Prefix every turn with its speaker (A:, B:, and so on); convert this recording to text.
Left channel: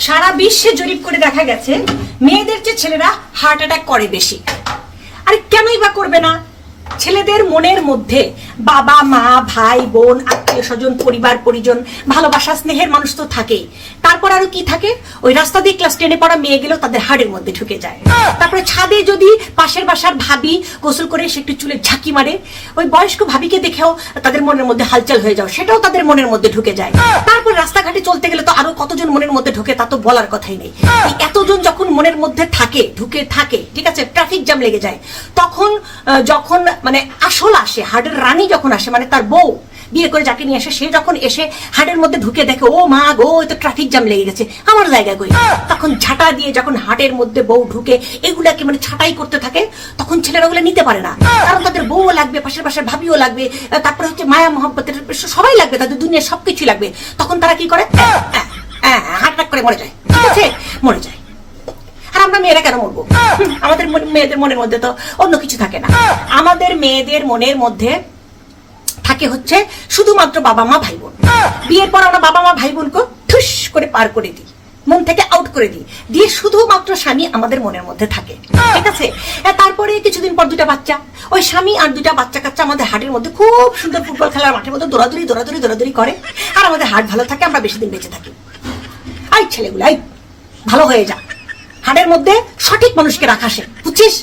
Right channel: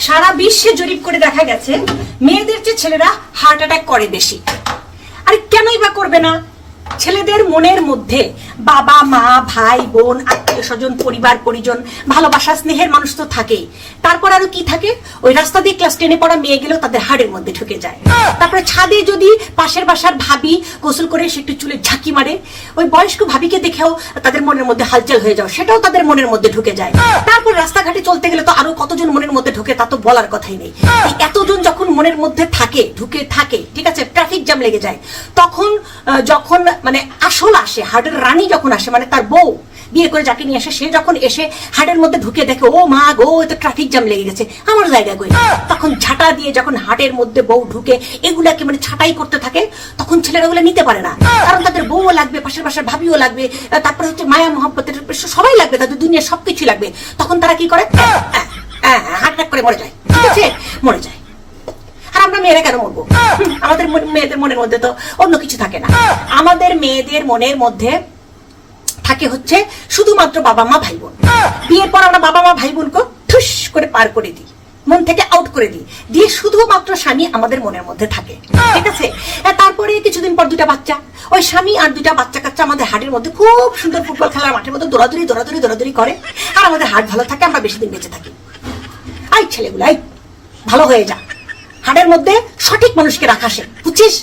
A: সারা বিশ্বে জরিপ করে দেখা গেছে, মেয়েদের চেয়ে ছেলেরা হার্ট অ্যাটাক করে বেশি। আরে কেনই বা করবে না? ছেলেদের মনের মধ্যে বাবা, মা, ভাই, বোন, আত্মীয় স্বজন, পরিবার, পরিজন, ভালোবাসা, স্নেহের মানুষ তো থাকেই। তারপর আরও কি থাকে? ওই রাস্তা দিয়ে ক্লাস টেনে পড়া মেয়ে গেলেও তাদের হাড়ের মধ্যে ঢুকে যায়। তারপরে ছাদে যদি পাশের বাসার ভাবি গোসল করে এসে একটু চুলে ঝাঁকি মারে, ওই বয়স্ক ভাবিকে দেখেও তাদের মনের মধ্যে হালচাল হয়ে যাও সেটাও তাদের মনের মধ্যে ঢুকে যায়। তারপর রাস্তাঘাটে চলতে গেলে তো আরও কতজন মনের মধ্যে ঢুকে তা তো বলার কথাই নেই। এতজন যখন মনের মধ্যে থাকে, ঢুকে থাকে, ঠিক আছে ট্রাফিক জ্যাম লেগে যায়, তখন যখন মানে আসল আসে, হার্টের রানী যখন আসে মানে তার বউ বিয়ে করে যাকে নিয়ে আসে, সে যখন এসে হার্টের মধ্যে ঢুকে দেখে, ও মা গো তো ট্রাফিক জ্যাম লেগে গেছে, আমার জায়গায় কই? তখন ঝাঁটা দিয়ে যখন হার্টের মধ্যে বউ ঢুকে এগুলাকে মানে ছাটাই করতে থাকে, তখন ছেলেরা ওগুলো নিতে পারে না। কারণ তাদের বউও লাগবে, পাশের পাশের ভাবিও লাগবে তারপরে হচ্ছে মায়া মহব্বতের সবাই লাগবে, তাদের দুনিয়ার সবকিছু লাগবে। তখন তারা কি করে? হার্ট অ্যাটাক করে মরে যায়, ঠিক আছে? মরে যায়। মেয়েরা কেন মরবো? আমাদের মেয়েদের মনের মধ্যে তো অন্য কিছু থাকে না। আমাদের মেয়েদের মনের মধ্যে থাকে হচ্ছে শুধুমাত্র বাবা মা, ভাই বোন। বিয়ের পর আমরা বাবা মা, ভাই বোনকে ঠুস করে পার করে দিই। মন থেকে আউট করে দিই। দিয়ে শুধুমাত্র স্বামী আমাদের মনের মধ্যে থাকে। ঠিক আছে? তারপরে কিছুদিন পর দুটা বাচ্চা। ওই স্বামী আর দুটা বাচ্চা কাচ্চা আমাদের হাটের মধ্যে খুব সুন্দর ফুটবল খেলার মাঠের মধ্যে দৌড়াদৌড়ি দৌড়াদৌড়ি দৌড়াদৌড়ি করে। আর আমাদের হাট ভালো থাকে, আমরা বেশি দিন বেঁচে থাকি। আই ছেলেগুলো আই ভালো হয়ে যা। হাটের মধ্যে সঠিক মানুষকে রাখা সে। বুঝছিস?